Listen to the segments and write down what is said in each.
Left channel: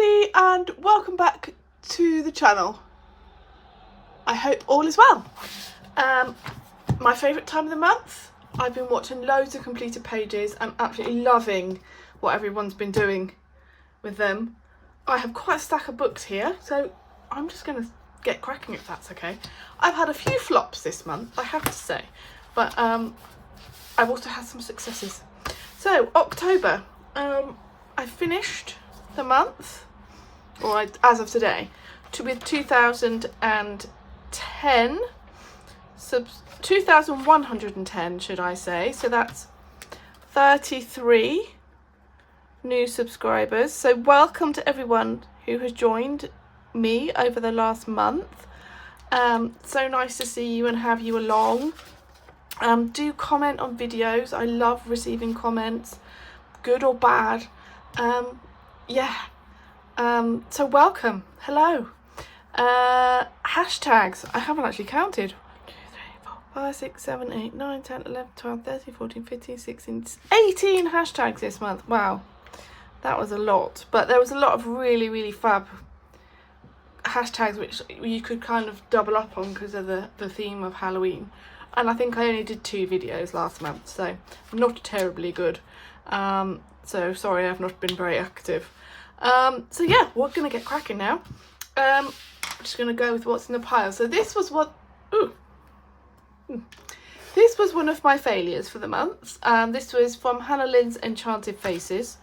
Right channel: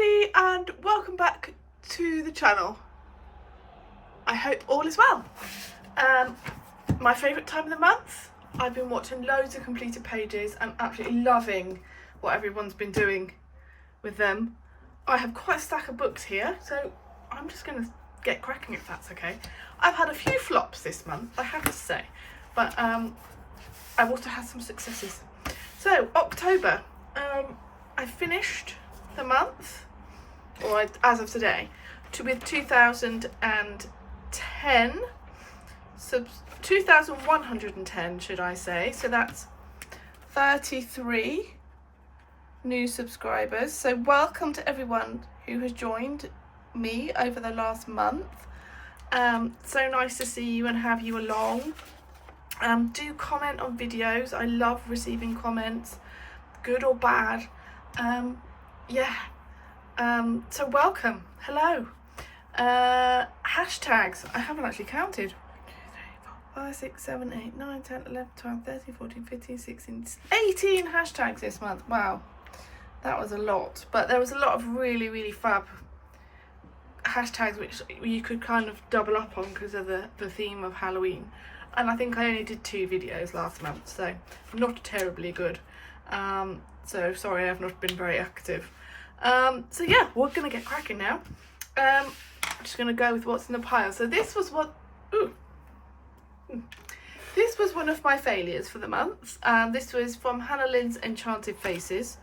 everybody and welcome back to the channel. I hope all is well. My favourite time of the month. I've been watching loads of completed pages. I'm absolutely loving what everyone's been doing with them. I have quite a stack of books here, so I'm just going to get cracking if that's okay. I've had a few flops this month, I have to say, but I've also had some successes. So October, I finished the month, or as of today, with 2,110 should I say, so that's 33 new subscribers. So welcome to everyone who has joined me over the last month. So nice to see you and have you along. Do comment on videos. I love receiving comments, good or bad. So welcome, hello. Hashtags, I haven't actually counted. 1, 2, 3, 4, 5, 6, 7, 8, 9, 10, 11, 12, 13, 14, 15, 16, 18 hashtags this month. Wow, that was a lot, but there was a lot of really fab hashtags which you could kind of double up on because of the theme of Halloween. And I think I only did 2 videos last month, so not terribly good. So sorry I've not been very active. So yeah, we're gonna get cracking now. I'm just gonna go with what's in the pile. So this was this was one of my failures for the month. This was from Hannah Lynn's Enchanted Faces,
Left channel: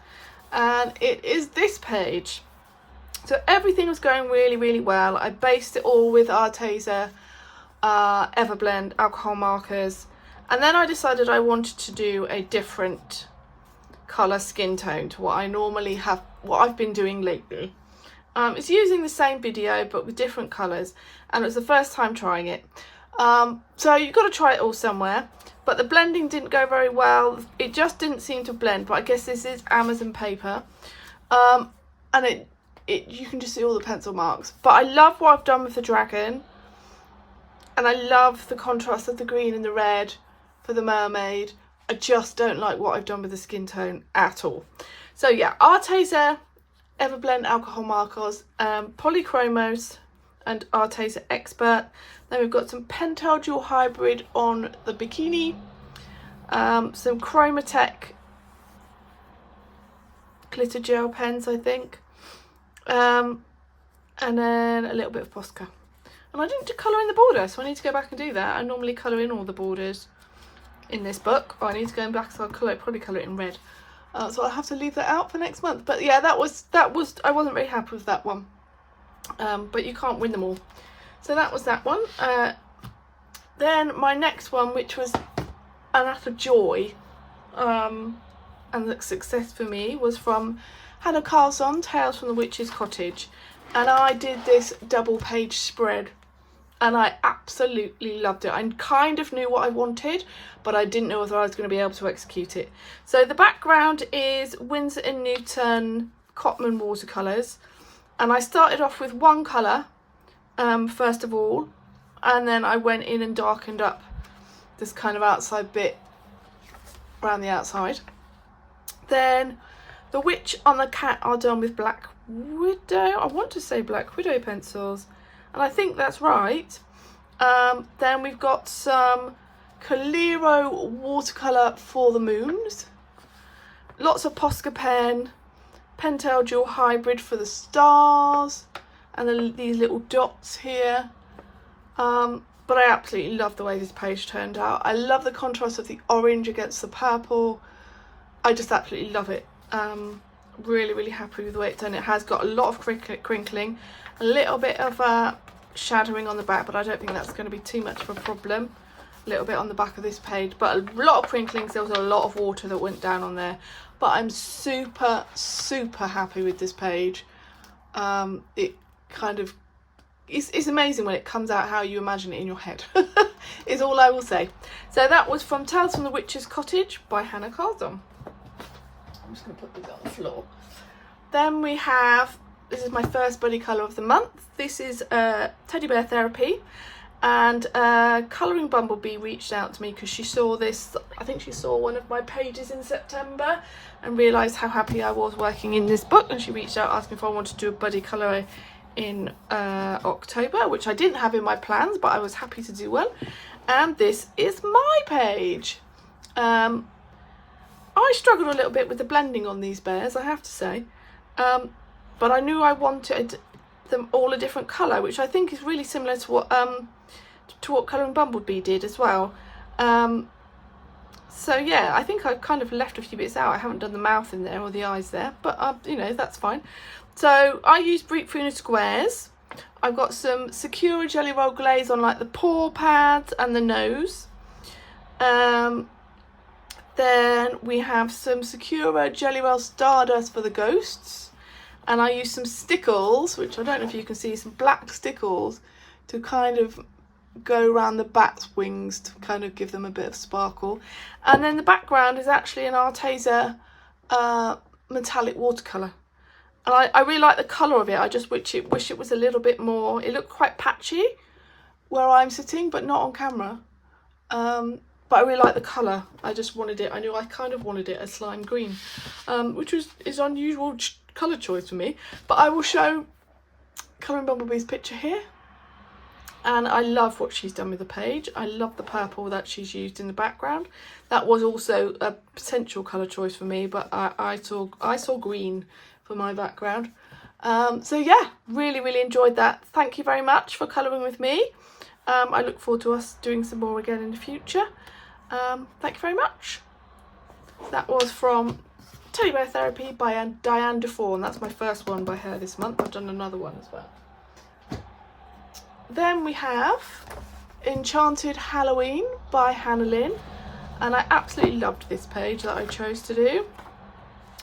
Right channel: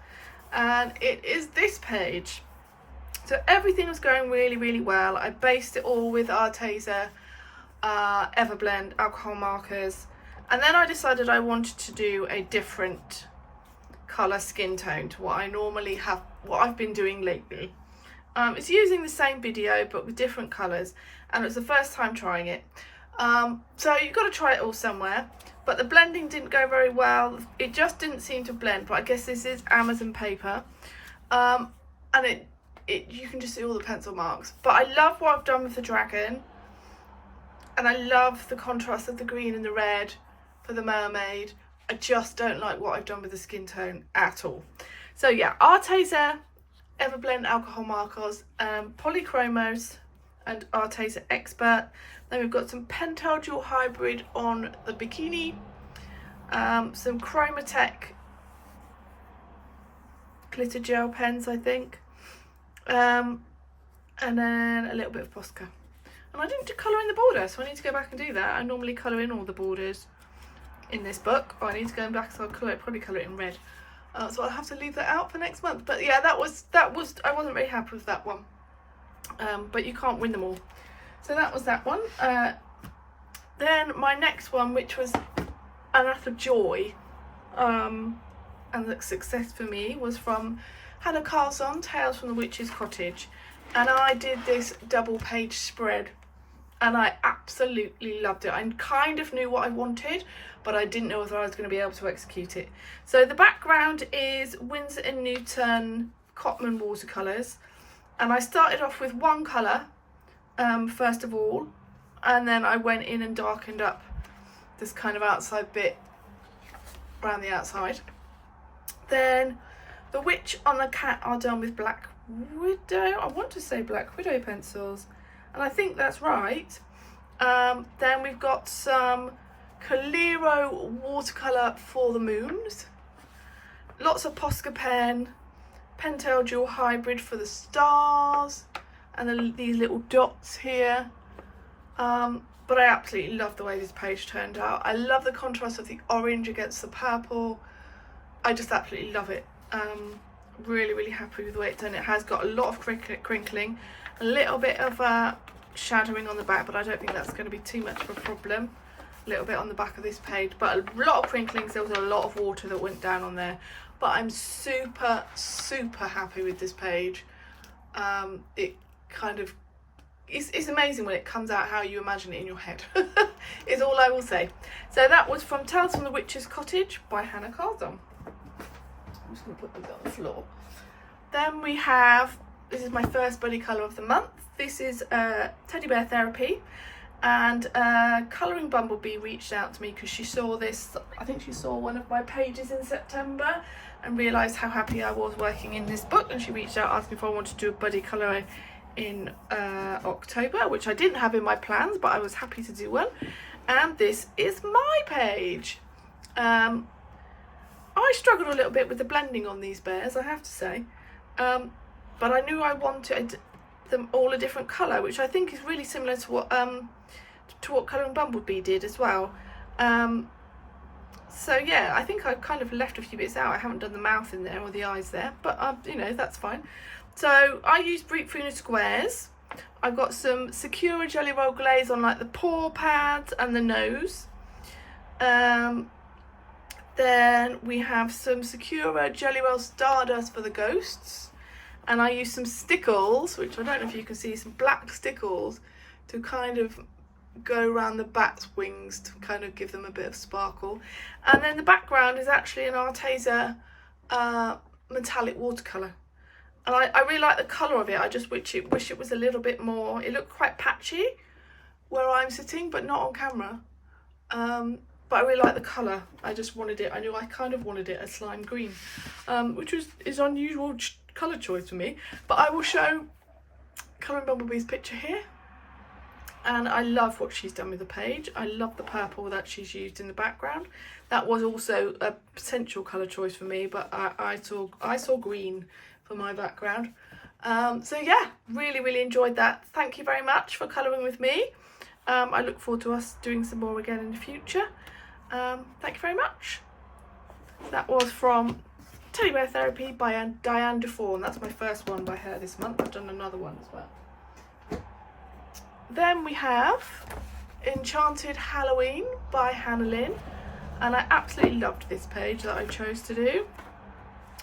and it is this page. So everything was going really well. I based it all with Arteza Everblend alcohol markers, and then I decided I wanted to do a different colour skin tone to what I normally have, what I've been doing lately. It's using the same video but with different colours, and it was the first time trying it. So you've got to try it all somewhere, but the blending didn't go very well. It just didn't seem to blend, but I guess this is Amazon paper, and you can just see all the pencil marks. But I love what I've done with the dragon, and I love the contrast of the green and the red for the mermaid. I just don't like what I've done with the skin tone at all. So yeah, Arteza Everblend alcohol markers, Polychromos and Arteza Expert. Then we've got some Pentel Dual Hybrid on the bikini, some Chromatech glitter gel pens I think, and then a little bit of Posca. And I didn't do colour in the border, so I need to go back and do that. I normally colour in all the borders in this book. I need to go back, so I'll probably colour it in red. So I'll have to leave that out for next month. But yeah, that was I wasn't very happy with that one. But you can't win them all. So that was that one. Then my next one, which was an utter joy, and the success for me, was from Hannah Carlson, Tales from the Witches Cottage. And I did this double page spread, and I absolutely loved it. I kind of knew what I wanted, but I didn't know whether I was going to be able to execute it. So the background is Winsor & Newton Cotman watercolours, and I started off with one colour first of all, and then I went in and darkened up this kind of outside bit around the outside. Then the witch on the cat are done with Black Widow, I want to say Black Widow pencils, and I think that's right. Then we've got some Calero watercolour for the moons, lots of Posca pen, Pentel Dual Hybrid for the stars, and then these little dots here. But I absolutely love the way this page turned out. I love the contrast of the orange against the purple. I just absolutely love it. Really happy with the way it's done. It has got a lot of crinkling, a little bit of shadowing on the back, but I don't think that's going to be too much of a problem. A little bit on the back of this page, but a lot of crinklings. There was a lot of water that went down on there, but I'm super happy with this page. It kind of it's amazing when it comes out how you imagine it in your head is all I will say. So that was from Tales from the Witches Cottage by Hannah Carlson. I'm just going to put these on the floor. Then we have, this is my first buddy colour of the month. This is Teddy Bear Therapy, And Colouring Bumblebee reached out to me because she saw this, I think she saw one of my pages in September and realised how happy I was working in this book, and she reached out asking if I wanted to do a buddy colour in October, which I didn't have in my plans, but I was happy to do one. And this is my page. I struggled a little bit with the blending on these bears, I have to say, but I knew I wanted them all a different colour, which I think is really similar to what Colouring Bumblebee did as well. So yeah, I think I've kind of left a few bits out. I haven't done the mouth in there or the eyes there, but you know, that's fine. So I used Brick Funa squares. I've got some Sakura Jelly Roll glaze on like the paw pads and the nose. Then we have some Sakura Jelly Roll Stardust for the ghosts. And I used some stickles, which I don't know if you can see, some black stickles to kind of go around the bat's wings to kind of give them a bit of sparkle. And then the background is actually an Arteza metallic watercolour. And I really like the colour of it. I just wish it was a little bit more, it looked quite patchy where I'm sitting, but not on camera. But I really like the colour. I just wanted it, I knew I kind of wanted it a slime green, which is unusual colour choice for me. But I will show Colouring Bumblebee's picture here. And I love what she's done with the page. I love the purple that she's used in the background. That was also a potential colour choice for me, but I saw green for my background. So yeah, really enjoyed that. Thank you very much for colouring with me. I look forward to us doing some more again in the future. Thank you very much. That was from Teddy Bear Therapy by Diane Defoe, and that's my first one by her this month. I've done another one as well. Then we have Enchanted Halloween by Hannah Lynn, and I absolutely loved this page that I chose to do.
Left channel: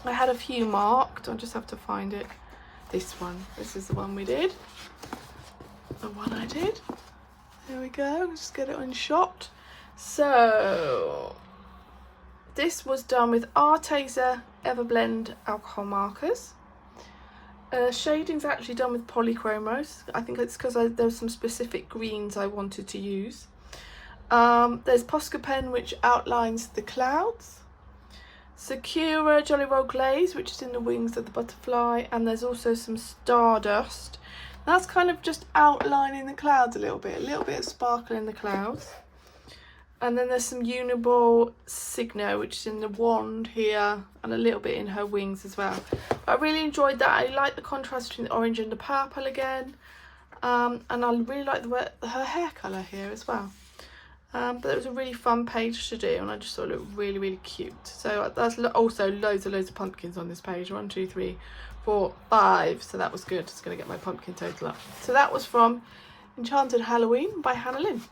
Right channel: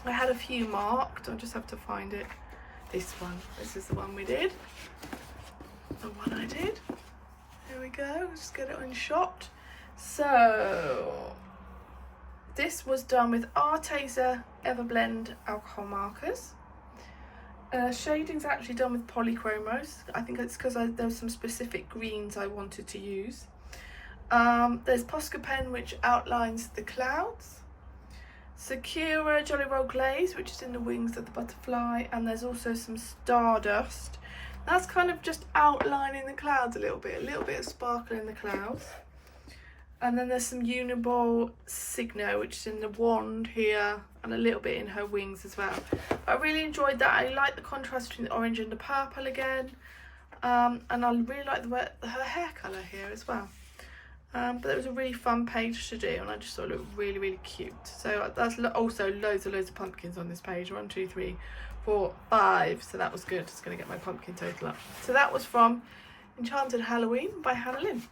I had a few marked, I just have to find it. This one, this is the one we did. The one I did. There we go, let's get it unshot. So, this was done with Arteza Everblend alcohol markers. Shading's actually done with polychromos. I think it's because there were some specific greens I wanted to use. There's Posca pen, which outlines the clouds. Sakura Jolly Roll glaze, which is in the wings of the butterfly, and there's also some Stardust. That's kind of just outlining the clouds a little bit of sparkle in the clouds. And then there's some Uniball Signo, which is in the wand here, and a little bit in her wings as well. I really enjoyed that. I like the contrast between the orange and the purple again. And I really like her hair colour here as well. But it was a really fun page to do, and I just thought it looked really cute. So there's also loads of pumpkins on this page. 1, 2, 3, 4, 5. So that was good. Just going to get my pumpkin total up. So that was from Enchanted Halloween by Hannah Lynn.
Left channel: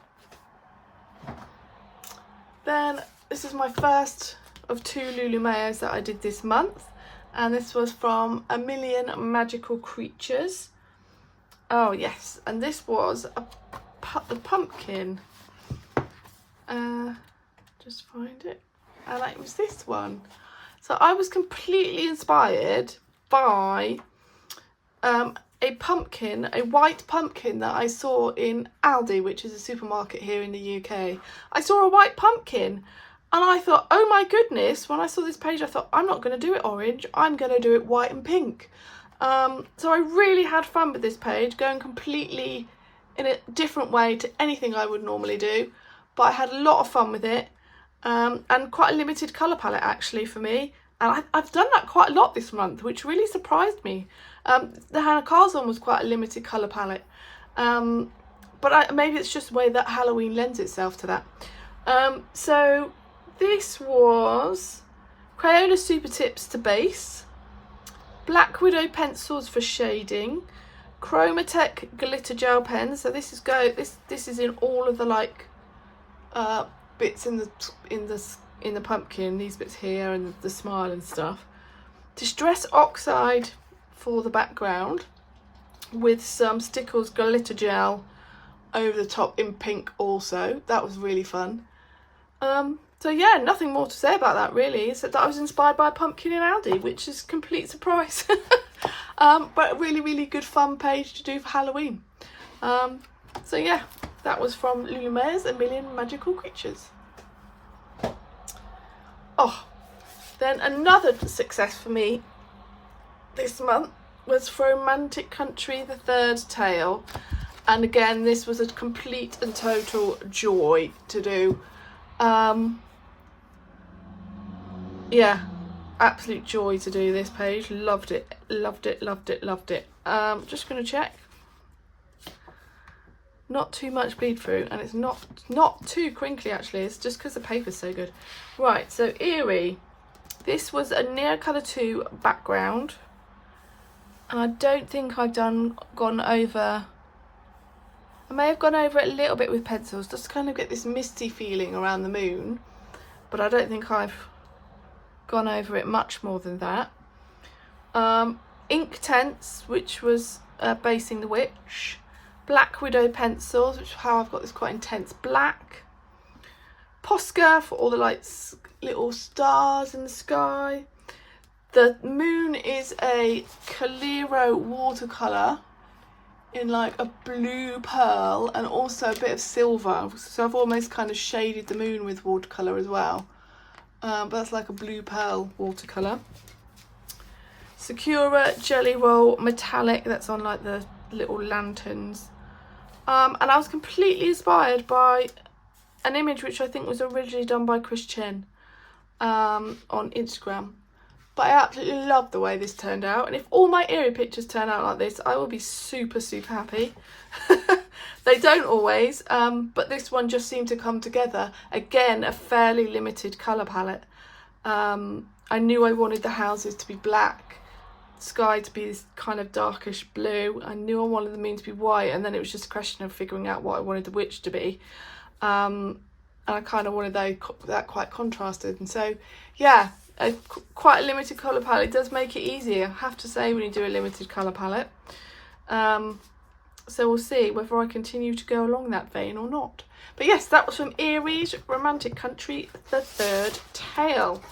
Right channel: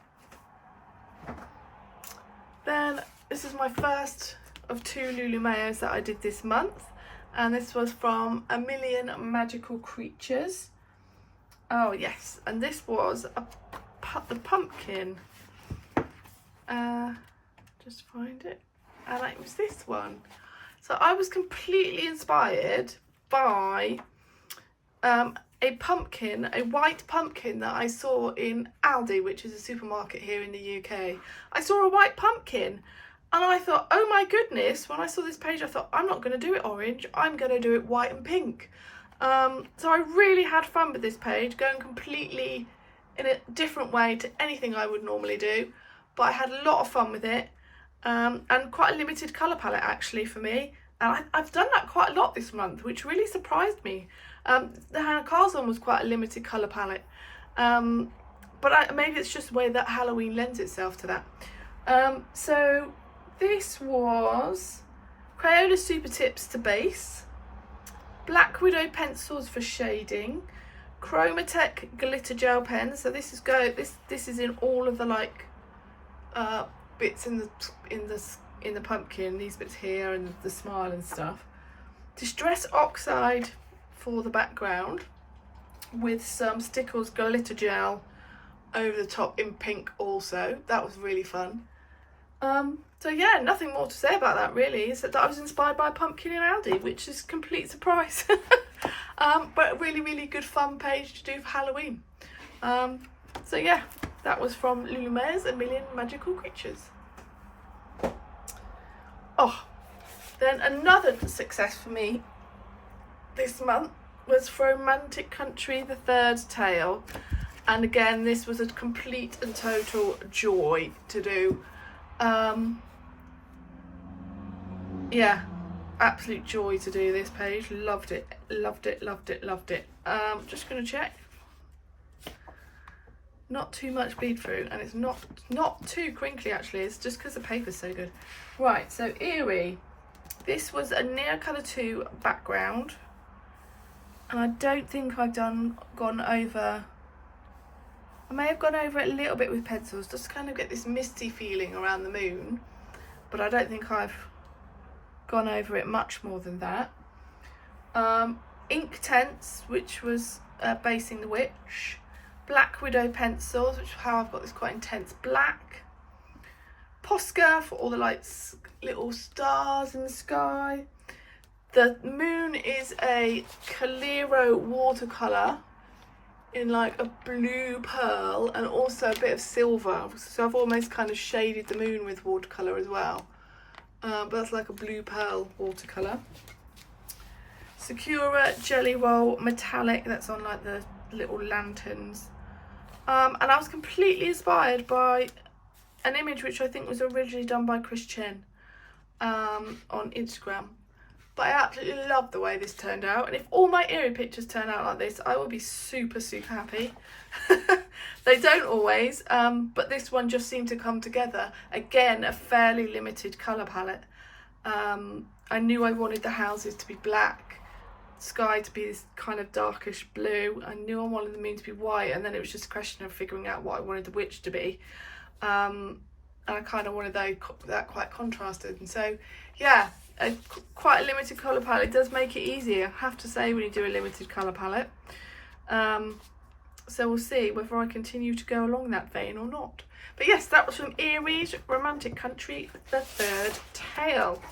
Then this is my first of 2 Lulu Mayos that I did this month, and this was from A Million Magical Creatures. Oh yes, and this was a pumpkin. Just find it, and it was this one. So I was completely inspired by a pumpkin, a white pumpkin that I saw in Aldi, which is a supermarket here in the UK. I saw a white pumpkin and I thought, oh my goodness, when I saw this page I thought, I'm not going to do it orange, I'm going to do it white and pink. So I really had fun with this page, going completely in a different way to anything I would normally do, but I had a lot of fun with it, and quite a limited colour palette actually for me, and I've done that quite a lot this month, which really surprised me. The Hannah Carr's one was quite a limited colour palette, but maybe it's just the way that Halloween lends itself to that. So this was Crayola Super Tips to base, Black Widow pencils for shading, Chromatech glitter gel pens. So this is in all of the like bits in the pumpkin, these bits here and the smile and stuff. Distress Oxide for the background with some Stickles glitter gel over the top in pink also. That was really fun. So yeah, nothing more to say about that really, except that I was inspired by a pumpkin in Aldi, which is a complete surprise. But a really good fun page to do for Halloween. So yeah, That was from Lumière's A Million Magical Creatures. Oh, then another success for me this month was for Romantic Country, the third tale. And again, this was a complete and total joy to do. Yeah, absolute joy to do this page. Loved it, loved it, loved it, loved it. Just going to check. Not too much bleed through, and it's not too crinkly actually. It's just because the paper's so good. Right, so Eerie. This was a Nicnaccolours 2 background, and I don't think I've gone over. I may have gone over it a little bit with pencils, just to kind of get this misty feeling around the moon, but I don't think I've gone over it much more than that. Ink Tents, which was basing the witch. Black Widow pencils, which is how I've got this quite intense black. Posca for all the like little stars in the sky. The moon is a Calero watercolour in like a blue pearl and also a bit of silver. So I've almost kind of shaded the moon with watercolour as well. But that's like a blue pearl watercolour. Sakura Jelly Roll Metallic, that's on like the little lanterns. And I was completely inspired by an image which I think was originally done by Chris Chen on Instagram. But I absolutely love the way this turned out, and if all my Eerie pictures turn out like this, I will be super happy. They don't always, but this one just seemed to come together. Again, a fairly limited colour palette. I knew I wanted the houses to be black, sky to be this kind of darkish blue. I knew I wanted the moon to be white, and then it was just a question of figuring out what I wanted the witch to be. And I kind of wanted that quite contrasted, and so yeah, quite a limited colour palette does make it easier, I have to say, when you do a limited colour palette. So we'll see whether I continue to go along that vein or not. But yes, that was from Eerie's Romantic Country, the third tale.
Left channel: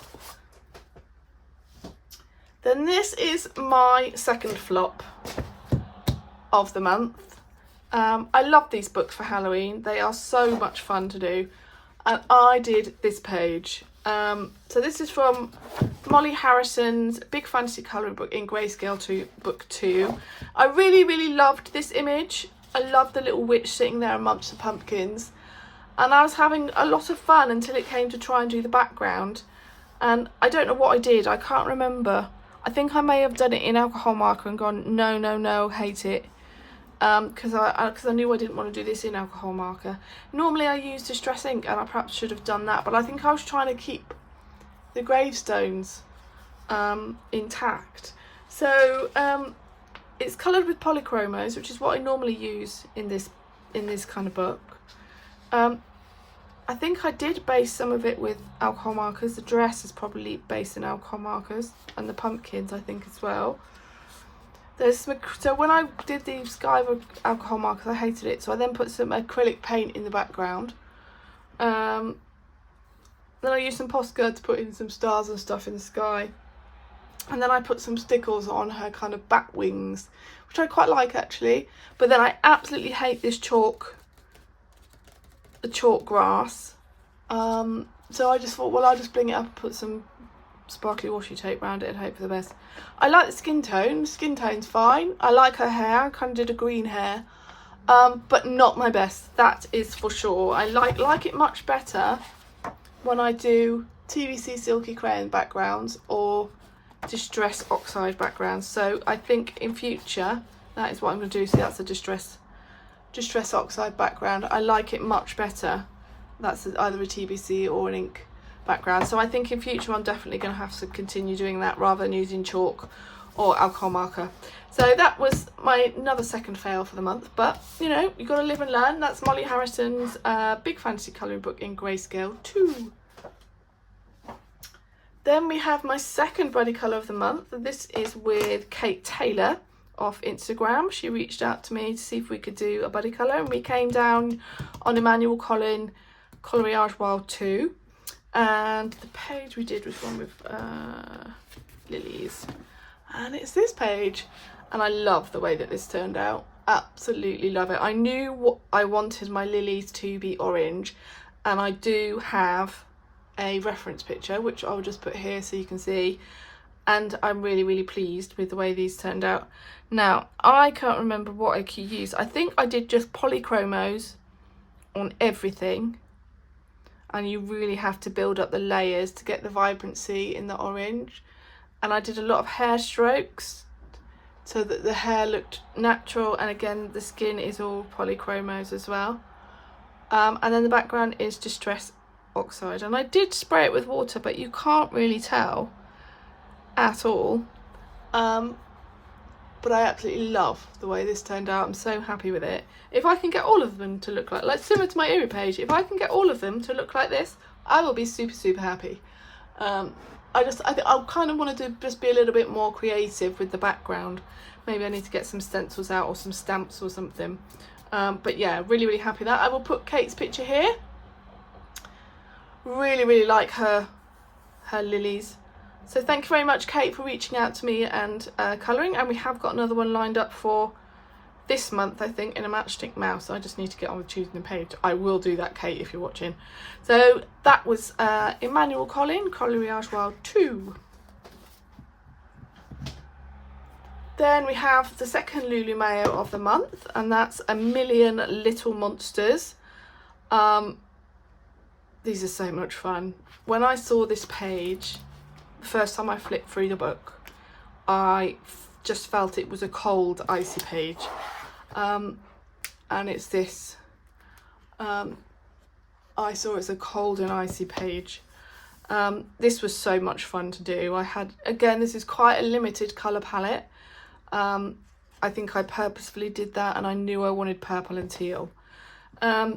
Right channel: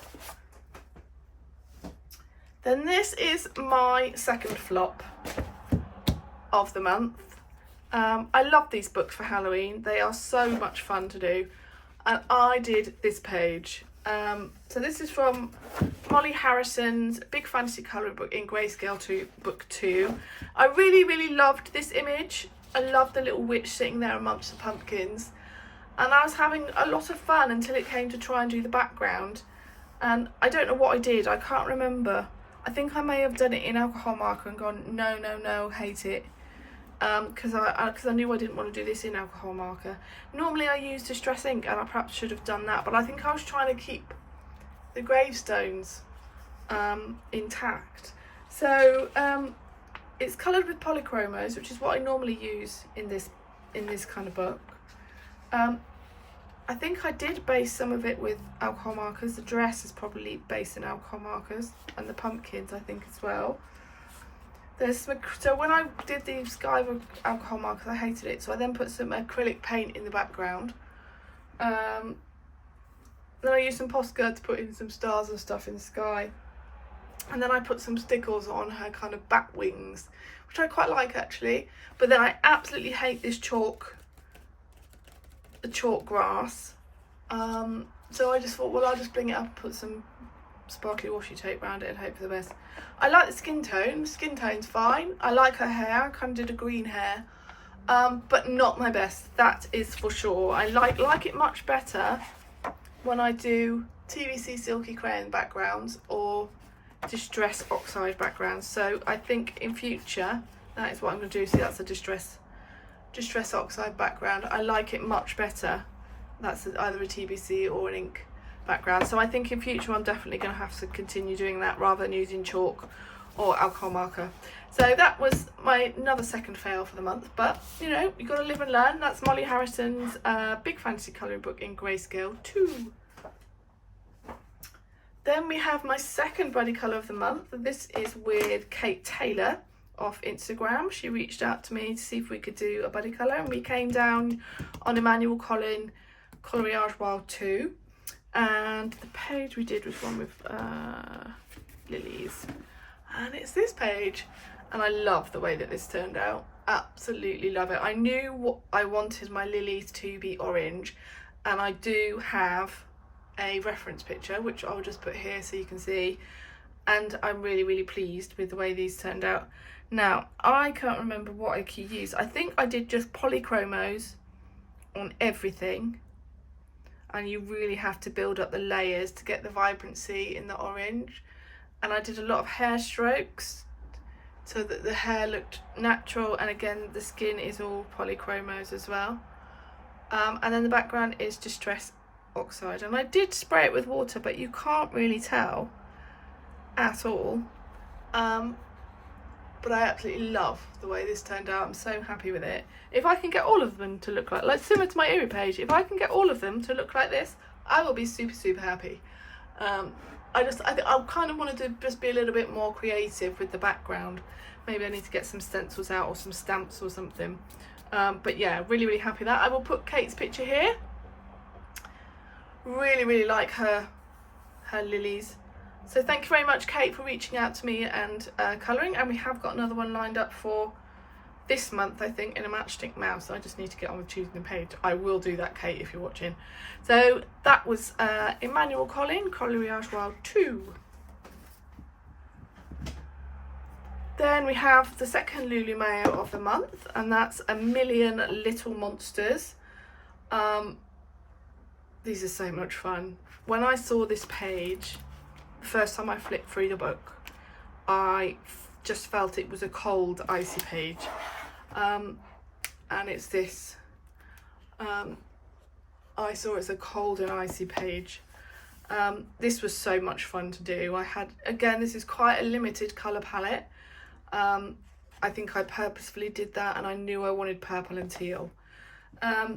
Then this is my second flop of the month. I love these books for Halloween. They are so much fun to do. And I did this page. So this is from Molly Harrison's Big Fantasy Colouring Book in Grayscale 2, Book 2. I really loved this image. I loved the little witch sitting there amongst the pumpkins. And I was having a lot of fun until it came to try and do the background. And I don't know what I did. I can't remember. I think I may have done it in alcohol marker and gone, no, hate it. Because I knew I didn't want to do this in alcohol marker. Normally I use Distress ink, and I perhaps should have done that, but I think I was trying to keep the gravestones intact. So it's coloured with polychromos, which is what I normally use in this kind of book. I think I did base some of it with alcohol markers. The dress is probably based in alcohol markers, and the pumpkins I think as well. So when I did the sky with alcohol markers, I hated it, so I then put some acrylic paint in the background. Then I used some Posca to put in some stars and stuff in the sky. And then I put some stickles on her kind of bat wings, which I quite like actually. But then I absolutely hate this the chalk grass. So I just thought, well, I'll just bling it up and put some sparkly washi tape around it and hope for the best. I like the skin tone. Skin tone's fine. I like her hair. I kind of did a green hair, but not my best, that is for sure. I like it much better when I do TVC silky crayon backgrounds or distress oxide backgrounds. So I think in future that is what I'm going to do. So that's a distress oxide background. I like it much better. That's either a TBC or an ink background. So I think in future I'm definitely going to have to continue doing that rather than using chalk or alcohol marker. So that was another second fail for the month, but you know, you got to live and learn. That's Molly Harrison's Big Fantasy Colouring Book in Grayscale 2. Then we have my second buddy colour of the month. This is with Kate Taylor off Instagram. She reached out to me to see if we could do a buddy colour, and we came down on Emmanuel Collin Coloriage Wild 2, and the page we did was one with lilies, and it's this page, and I love the way that this turned out. absolutely love it. I knew what I wanted my lilies to be orange, and I do have a reference picture which I'll just put here so you can see, and I'm really pleased with the way these turned out. Now I can't remember what I used. I think I did just polychromos on everything, and you really have to build up the layers to get the vibrancy in the orange. And I did a lot of hair strokes so that the hair looked natural, and again the skin is all polychromos as well. And then the background is Distress Oxide, and I did spray it with water, but you can't really tell at all. But I absolutely love the way this turned out. I'm so happy with it. If I can get all of them to look like similar to my Eerie page, if I can get all of them to look like this, I will be super happy. I kind of wanted to just be a little bit more creative with the background. Maybe I need to get some stencils out or some stamps or something. But yeah, really happy with that. I will put Kate's picture here. Really like her lilies. So thank you very much, Kate, for reaching out to me and colouring. And we have got another one lined up for this month, I think, in a matchstick mouse. I just need to get on with choosing the page. I will do that, Kate, if you're watching. So that was Emmanuel Collin, Coloriage Wild 2. Then we have the second Lulu Mayo of the month, and that's A Million Little Monsters. These are so much fun. When I saw this page, the first time I flipped through the book, I just felt it was a cold, icy page. And it's this. I saw it's a cold and icy page. This was so much fun to do. I had, again, this is quite a limited colour palette. I think I purposefully did that, and I knew I wanted purple and teal.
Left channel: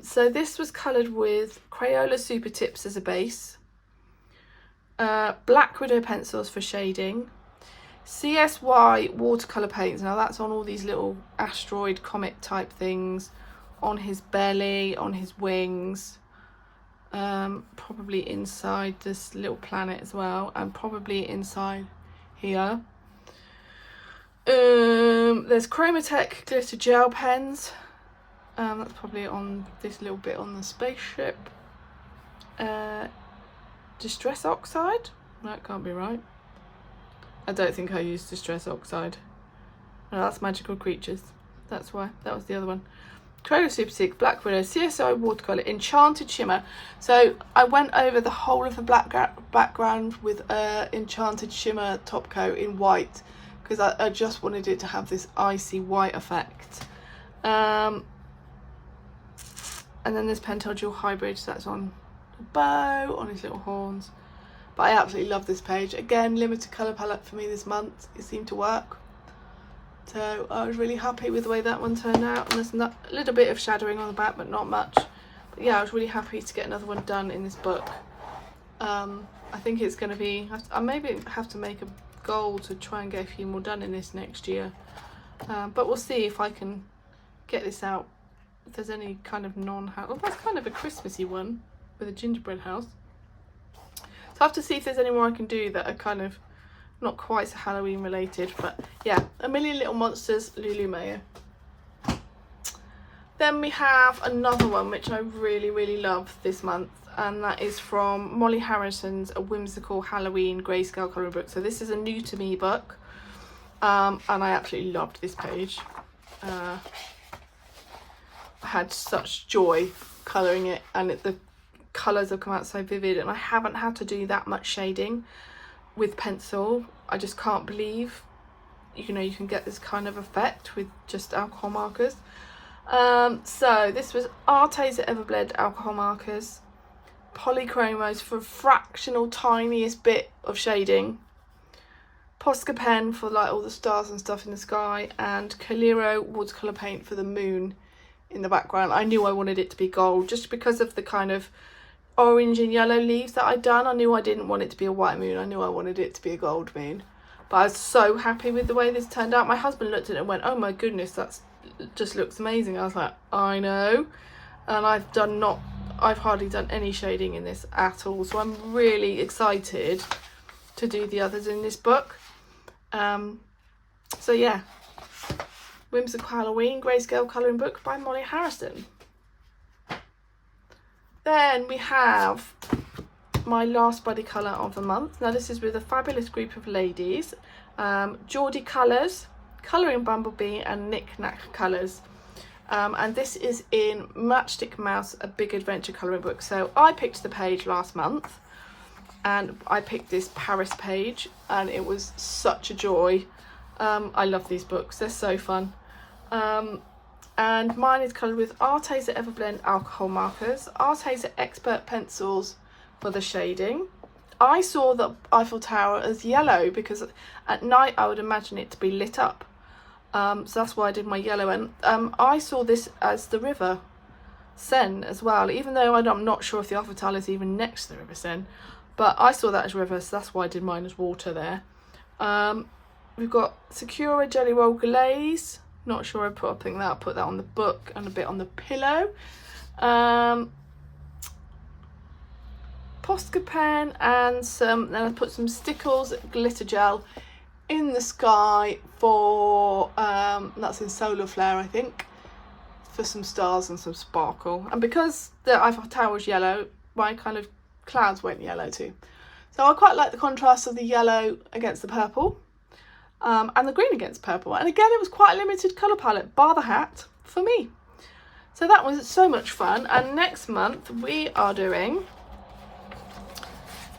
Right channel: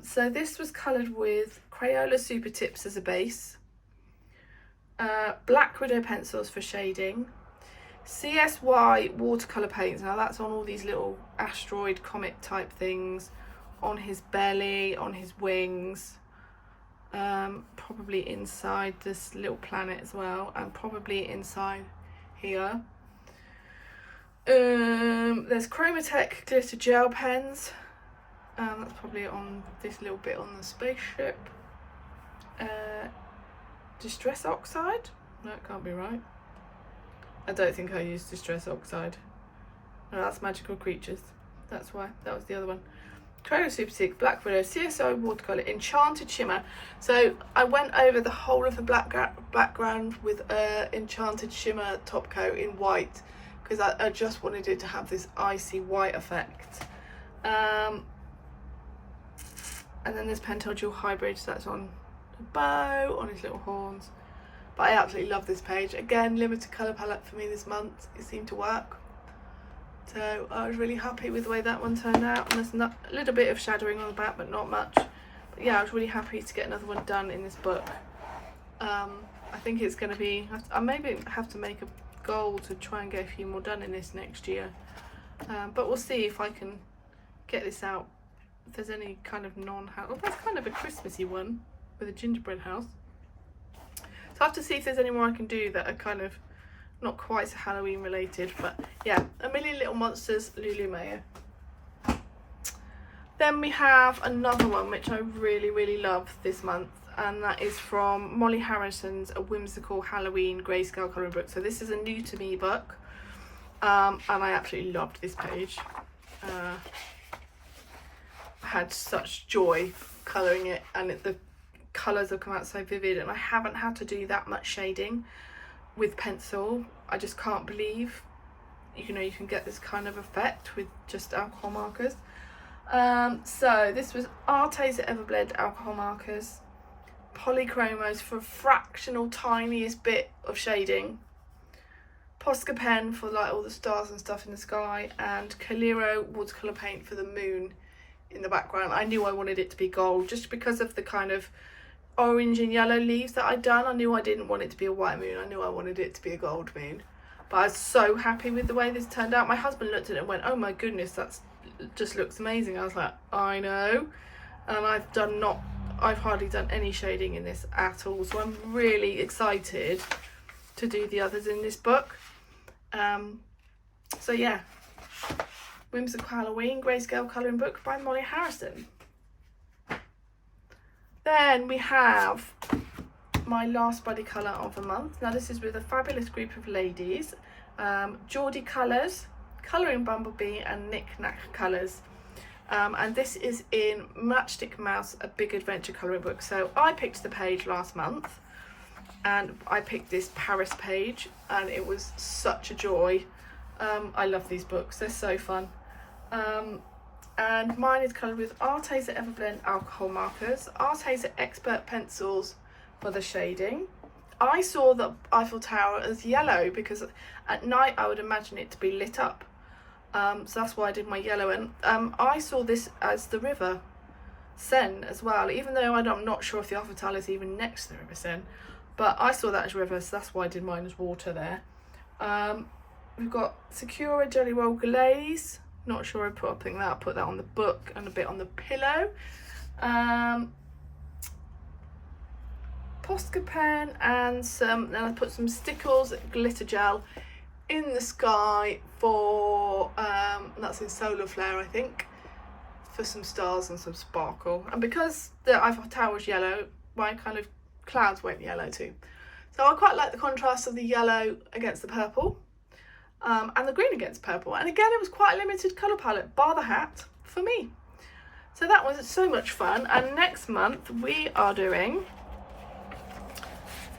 So this was coloured with Crayola Super Tips as a base, Black Widow pencils for shading, CSY watercolour paints. Now that's on all these little asteroid comet type things, on his belly, on his wings, probably inside this little planet as well, and probably inside here. There's Chromatech glitter gel pens. That's probably on this little bit on the spaceship. Distress Oxide? That can't be right. I don't think I used Distress Oxide. No, that's Magical Creatures. That's why. That was the other one. Crayola Super 6, Black Widow, CSO watercolour, Enchanted Shimmer. So I went over the whole of the background with Enchanted Shimmer top coat in white, because I just wanted it to have this icy white effect. And then there's Pentel Dual Hybrid, so that's on the bow, on his little horns. But I absolutely love this page. Again, limited colour palette for me this month. It seemed to work. So I was really happy with the way that one turned out. And there's a little bit of shadowing on the back, but not much. But yeah, I was really happy to get another one done in this book. I think it's going to be... I maybe have to make a goal to try and get a few more done in this next year. But we'll see if I can get this out. If there's any kind of non-house... Oh, that's kind of a Christmassy one with a gingerbread house. So I have to see if there's any more I can do that are kind of not quite so Halloween related. But yeah, A Million Little Monsters, Lulu Mayo. Then we have another one which I really love this month, and that is from Molly Harrison's A Whimsical Halloween grayscale colouring book. So this is a new to me book, and I absolutely loved this page. I had such joy colouring it, and the colours have come out so vivid, and I haven't had to do that much shading with pencil. I just can't believe, you know, you can get this kind of effect with just alcohol markers. So this was Arteza Everblend alcohol markers, polychromos for a fractional tiniest bit of shading, Posca pen for like all the stars and stuff in the sky, and Calero watercolour paint for the moon in the background. I knew I wanted it to be gold just because of the kind of orange and yellow leaves that I'd done. I knew I didn't want it to be a white moon. I knew I wanted it to be a gold moon. But I was so happy with the way this turned out. My husband looked at it and went, oh my goodness, that's just looks amazing. I was like, I know. And I've hardly done any shading in this at all. So I'm really excited to do the others in this book. So yeah, Whimsical Halloween Grayscale Colouring Book by Molly Harrison. Then we have my last buddy colour of the month. Now this is with a fabulous group of ladies. Nicnaccolours, Colouring Bumblebee and Nicnaccolours. And this is in Matchstick Mouse, a big adventure colouring book. So I picked the page last month and I picked this Paris page and it was such a joy. I love these books, they're so fun. And mine is coloured with Arteza Everblend alcohol markers, Arteza Expert pencils for the shading. I saw the Eiffel Tower as yellow because at night I would imagine it to be lit up. So that's why I did my yellow, and I saw this as the River Seine as well, even though I'm not sure if the Eiffel Tower is even next to the River Seine, but I saw that as river, so that's why I did mine as water there. We've got Sakura Jelly Roll Glaze, not sure I put that on the book and a bit on the pillow. Posca pen and then I put some Stickles glitter gel in the sky for that's in Solar Flare, I think, for some stars and some sparkle. And because the Eiffel Tower was yellow, my kind of clouds went yellow too. So I quite like the contrast of the yellow against the purple, and the green against purple. And again, it was quite a limited colour palette, bar the hat, for me. So that was so much fun. And next month we are doing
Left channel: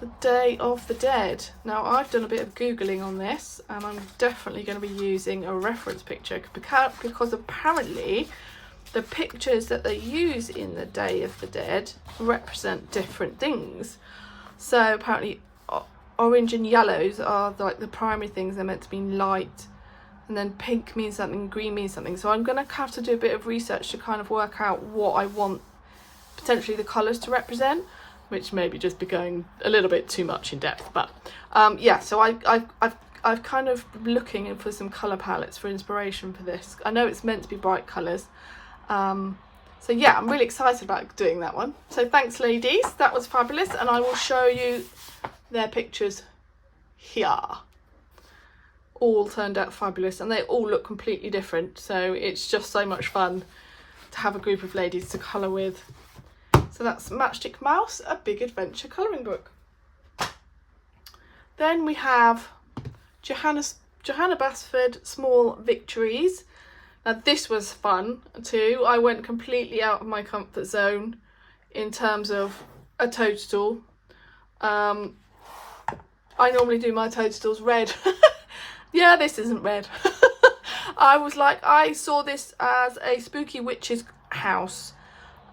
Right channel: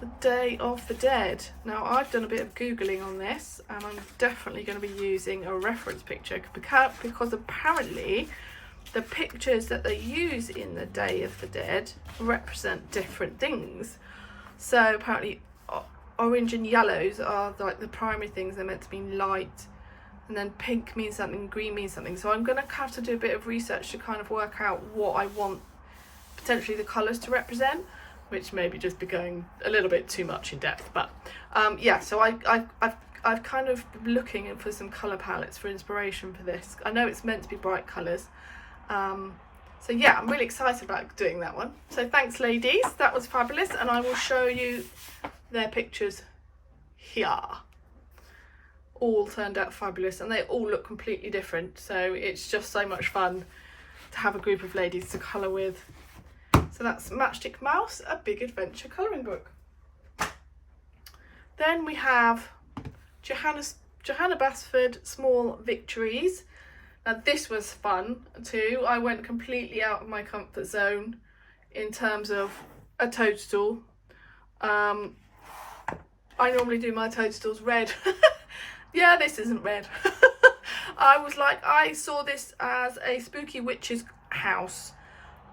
the Day of the Dead. Now I've done a bit of Googling on this and I'm definitely going to be using a reference picture because apparently the pictures that they use in the Day of the Dead represent different things. So apparently orange and yellows are like the primary things, they're meant to be light, and then pink means something, green means something. So I'm going to have to do a bit of research to kind of work out what I want potentially the colours to represent, which may be just be going a little bit too much in depth, but yeah, so I've kind of looking for some colour palettes for inspiration for this. I know it's meant to be bright colours, so yeah, I'm really excited about doing that one. So thanks ladies, that was fabulous, and I will show you their pictures here. All turned out fabulous and they all look completely different, so it's just so much fun to have a group of ladies to colour with. So that's Matchstick Mouse, a big adventure colouring book. Then we have Johanna Bassford, Small Victories. Now this was fun too. I went completely out of my comfort zone in terms of a toadstool. I normally do my toadstools red. Yeah, this isn't red. I saw this as a spooky witch's house.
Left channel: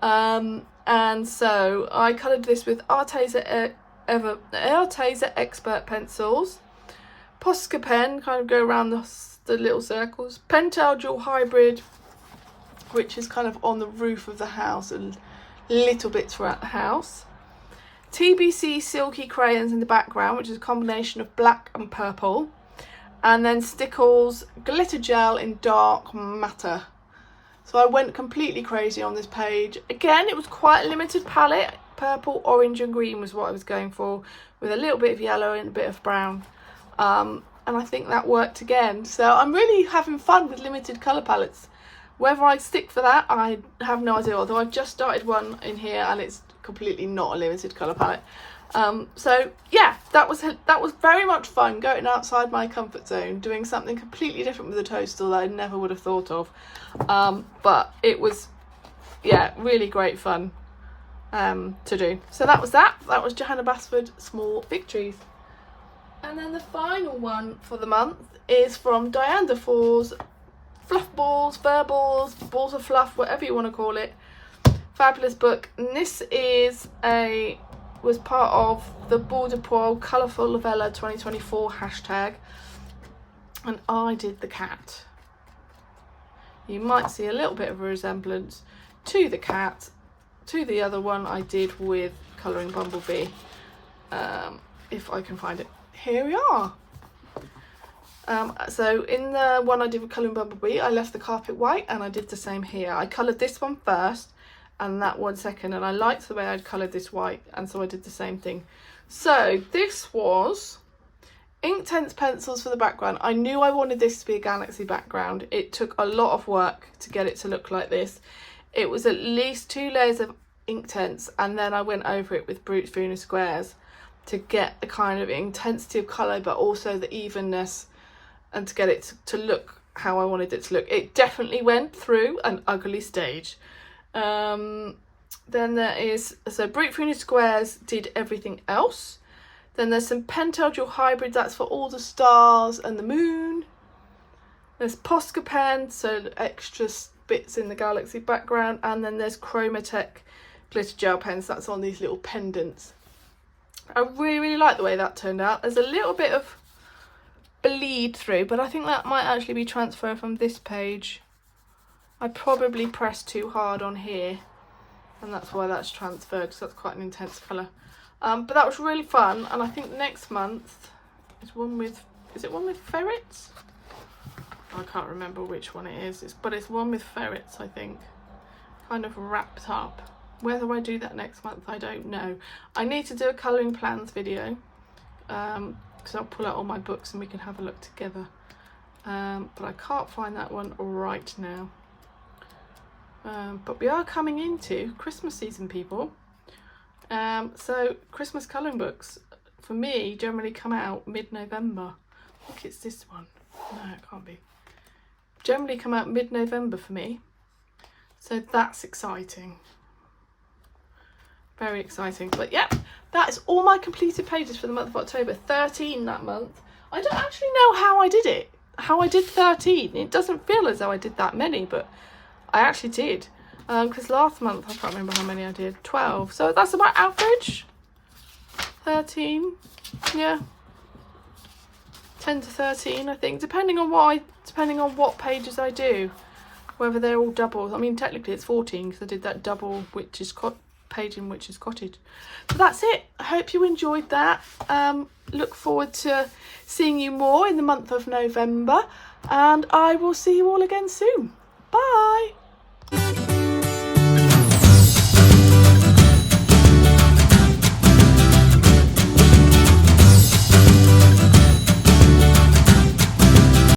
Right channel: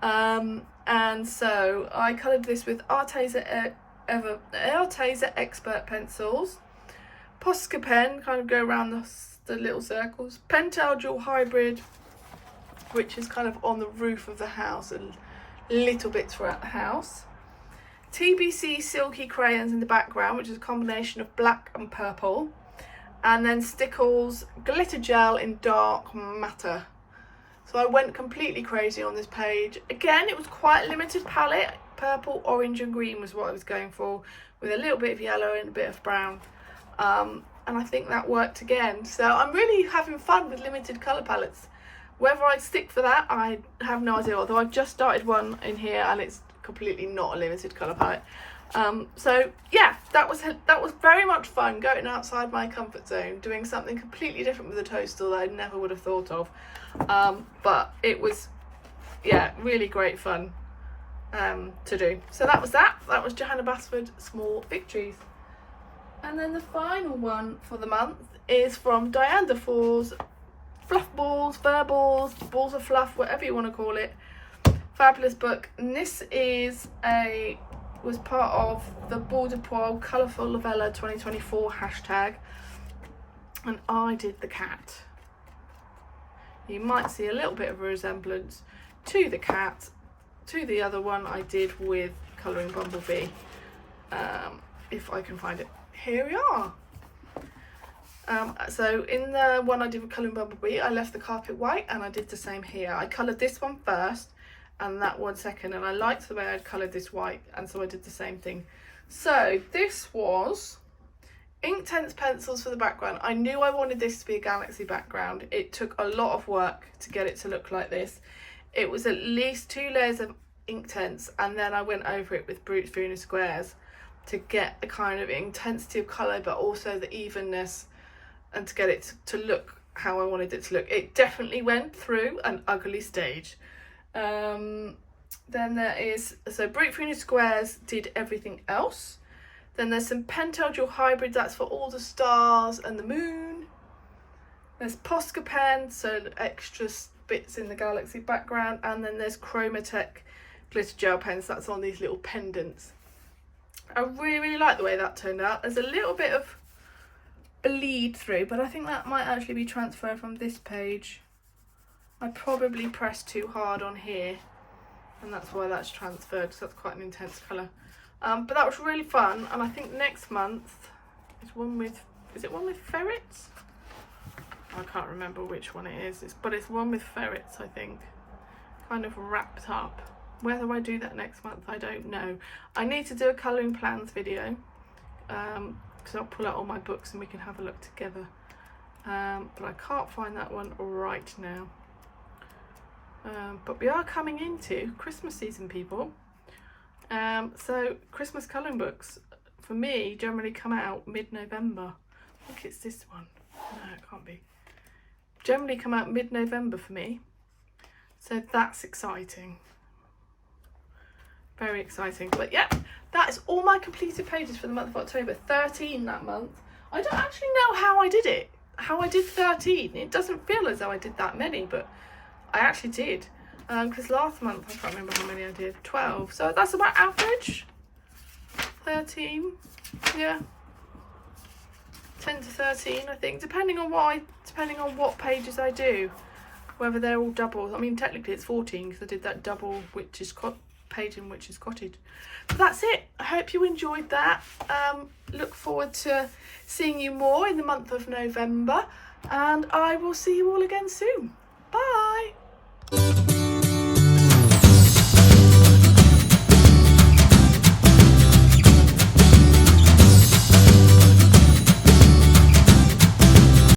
And so I coloured this with Arteza Expert pencils, Posca pen, kind of go around the little circles, Pentel Dual Hybrid, which is kind of on the roof of the house and little bits throughout the house, TBC Silky Crayons in the background, which is a combination of black and purple, and then Stickles Glitter Gel in Dark Matter. So I went completely crazy on this page. Again, it was quite a limited palette. Purple, orange and green was what I was going for, with a little bit of yellow and a bit of brown. And I think that worked again. So I'm really having fun with limited colour palettes. Whether I stick for that, I have no idea. Although I've just started one in here and it's completely not a limited colour palette. So yeah, that was very much fun, going outside my comfort zone, doing something completely different with a toadstool that I never would have thought of. But it was, yeah, really great fun to do. So that was Johanna Bassford, Small Victories. And then the final one for the month is from Diane Defoe's Fluff Balls, Fur Balls, Balls of Fluff, whatever you want to call it. Fabulous book. And this was part of the Border Poil Colourful Novella 2024 hashtag, and I did the cat. You might see a little bit of a resemblance to the cat, to the other one I did with Colouring Bumblebee. If I can find it. Here we are. So in the one I did with Colouring Bumblebee, I left the carpet white, and I did the same here. I coloured this one first and that one second, and I liked the way I'd coloured this white, and so I did the same thing. So this was Inktense pencils for the background. I knew I wanted this to be a galaxy background. It took a lot of work to get it to look like this. It was at least 2 layers of Inktense, and then I went over it with Brute Funa squares to get the kind of intensity of colour, but also the evenness, and to get it to look how I wanted it to look. It definitely went through an ugly stage. Then there is, so Brute Funa squares did everything else. Then there's some Pentel Dual Hybrid, that's for all the stars and the moon. There's Posca pen, so extra bits in the galaxy background. And then there's Chromatech glitter gel pens, that's on these little pendants. I really like the way that turned out. There's a little bit of bleed through, but I think that might actually be transfer from this page. I probably pressed too hard on here, and that's why that's transferred, because that's quite an intense colour. But that was really fun, and I think next month is one with, is it one with ferrets? I can't remember which one it is, but it's one with ferrets, I think, kind of wrapped up. Whether I do that next month, I don't know. I need to do a colouring plans video, because I'll pull out all my books and we can have a look together. But I can't find that one right now. But we are coming into Christmas season, people. So Christmas colouring books for me generally come out mid-November. I think it's this one. No, it can't be. Generally come out mid-November for me. So that's exciting. Very exciting. But yeah, that is all my completed pages for the month of October. 13 that month. I don't actually know how I did it. How I did 13. It doesn't feel as though I did that many, but I actually did. Because last month, I can't remember how many I did. 12. So that's about average. 13. Yeah. 10 to 13, I think. Depending on what pages I do. Whether they're all doubles. I mean, technically it's 14 because I did that double page in Witches Cottage. But that's it. I hope you enjoyed that. Look forward to seeing you more in the month of November. And I will see you all again soon. Bye.